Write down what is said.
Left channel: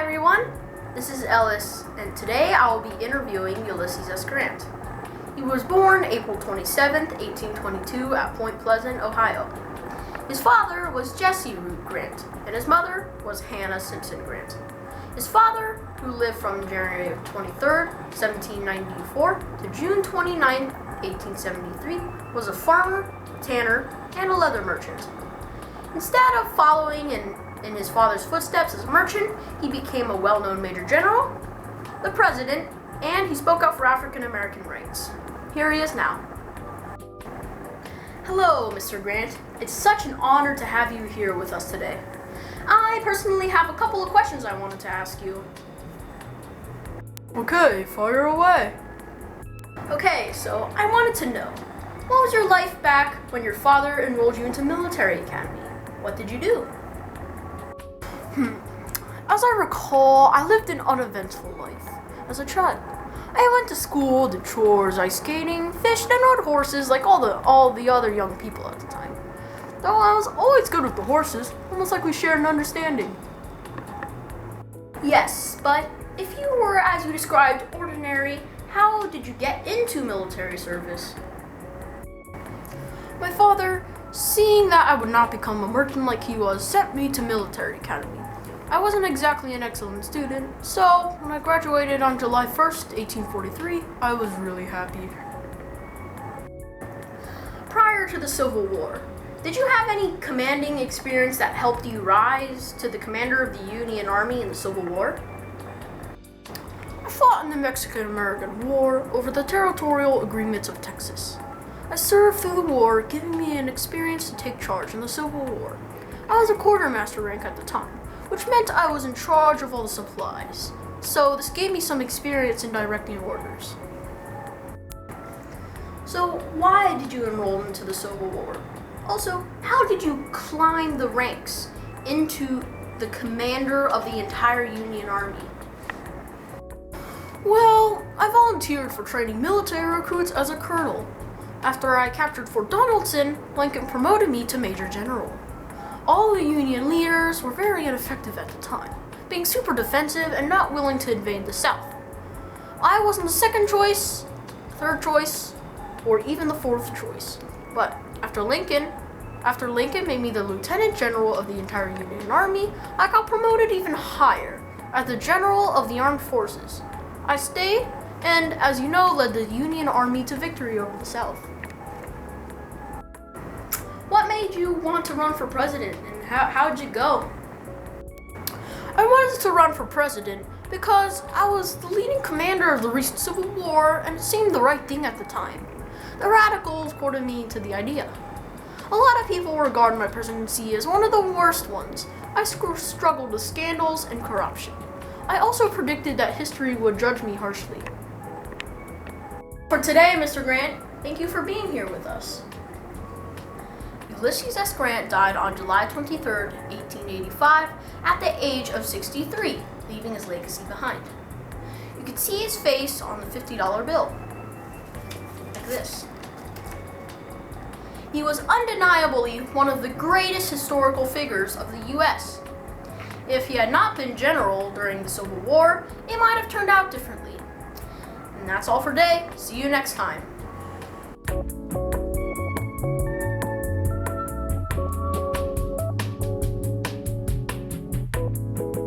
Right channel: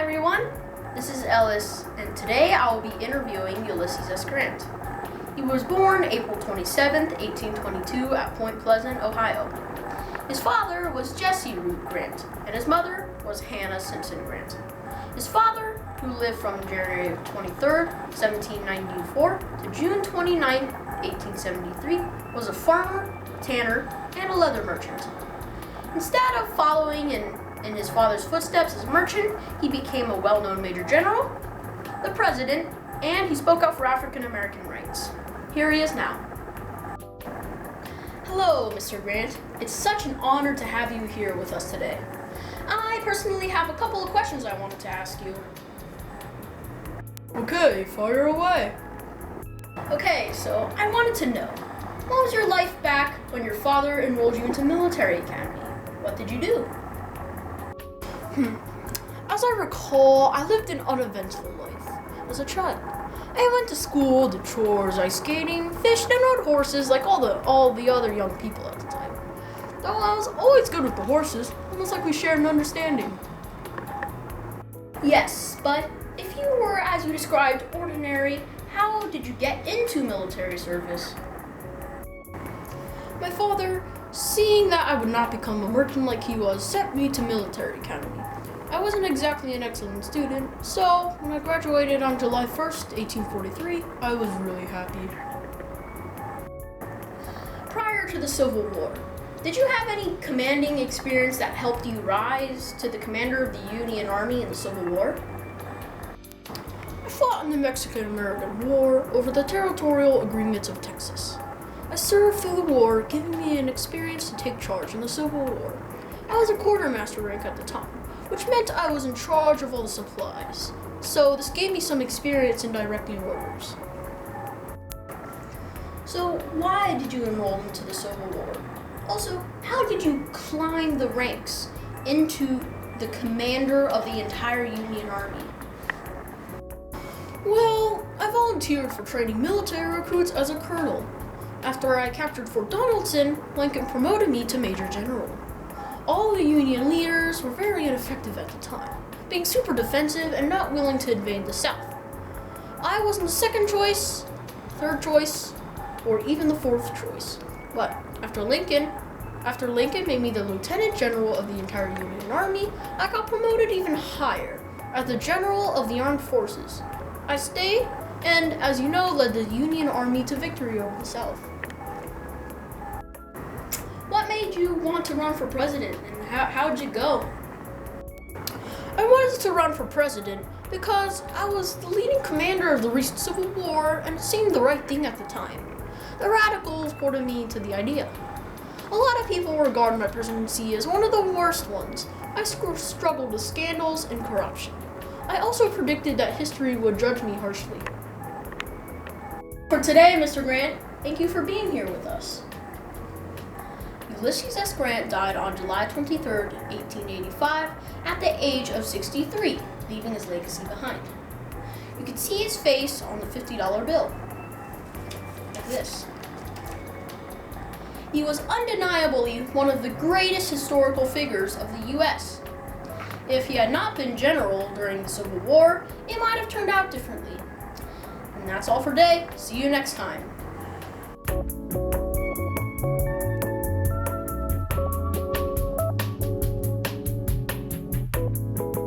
everyone, this is Ellis, and today I will be interviewing Ulysses S. Grant. He was born April 27, 1822 at Point Pleasant, Ohio. His father was Jesse Root Grant, and his mother was Hannah Simpson Grant. His father, who lived from January 23, 1794 to June 29, 1873, was a farmer, tanner, and a leather merchant. Instead of following in his father's footsteps as a merchant, he became a well-known major general, the president, and he spoke up for African American rights. Here he is now. Hello, Mr. Grant. It's such an honor to have you here with us today. I personally have a couple of questions I wanted to ask you. Okay, fire away. Okay, so I wanted to know, what was your life back when your father enrolled you into military academy? What did you do? As I recall, I lived an uneventful life as a child. I went to school, did chores, ice skating, fished, and rode horses like all the other young people at the time. Though I was always good with the horses, almost like we shared an understanding. Yes, but if you were, as you described, ordinary, how did you get into military service? My father, seeing that I would not become a merchant like he was, sent me to military academy. I wasn't exactly an excellent student, so when I graduated on July 1st, 1843, I was really happy. Prior to the Civil War, did you have any commanding experience that helped you rise to the commander of the Union Army in the Civil War? I fought in the Mexican-American War over the territorial agreements of Texas. I served through the war, giving me an experience to take charge in the Civil War. I was a quartermaster rank at the time, which meant I was in charge of all the supplies. So this gave me some experience in directing orders. So why did you enroll into the Civil War? Also, how did you climb the ranks into the commander of the entire Union Army? Well, I volunteered for training military recruits as a colonel. After I captured Fort Donaldson, Lincoln promoted me to Major General. All the Union leaders were very ineffective at the time, being super defensive and not willing to invade the South. I wasn't the second choice, third choice, or even the fourth choice. But after Lincoln made me the Lieutenant General of the entire Union Army, I got promoted even higher, as the General of the Armed Forces. I stayed, and as you know, led the Union Army to victory over the South. What made you want to run for president, and how'd you go? I wanted to run for president because I was the leading commander of the recent Civil War, and it seemed the right thing at the time. The radicals courted me to the idea. A lot of people regard my presidency as one of the worst ones. I struggled with scandals and corruption. I also predicted that history would judge me harshly. For today, Mr. Grant, thank you for being here with us. Ulysses S. Grant died on July 23, 1885, at the age of 63, leaving his legacy behind. You can see his face on the $50 bill, like this. He was undeniably one of the greatest historical figures of the U.S. If he had not been general during the Civil War, it might have turned out differently. And that's all for today. See you next time.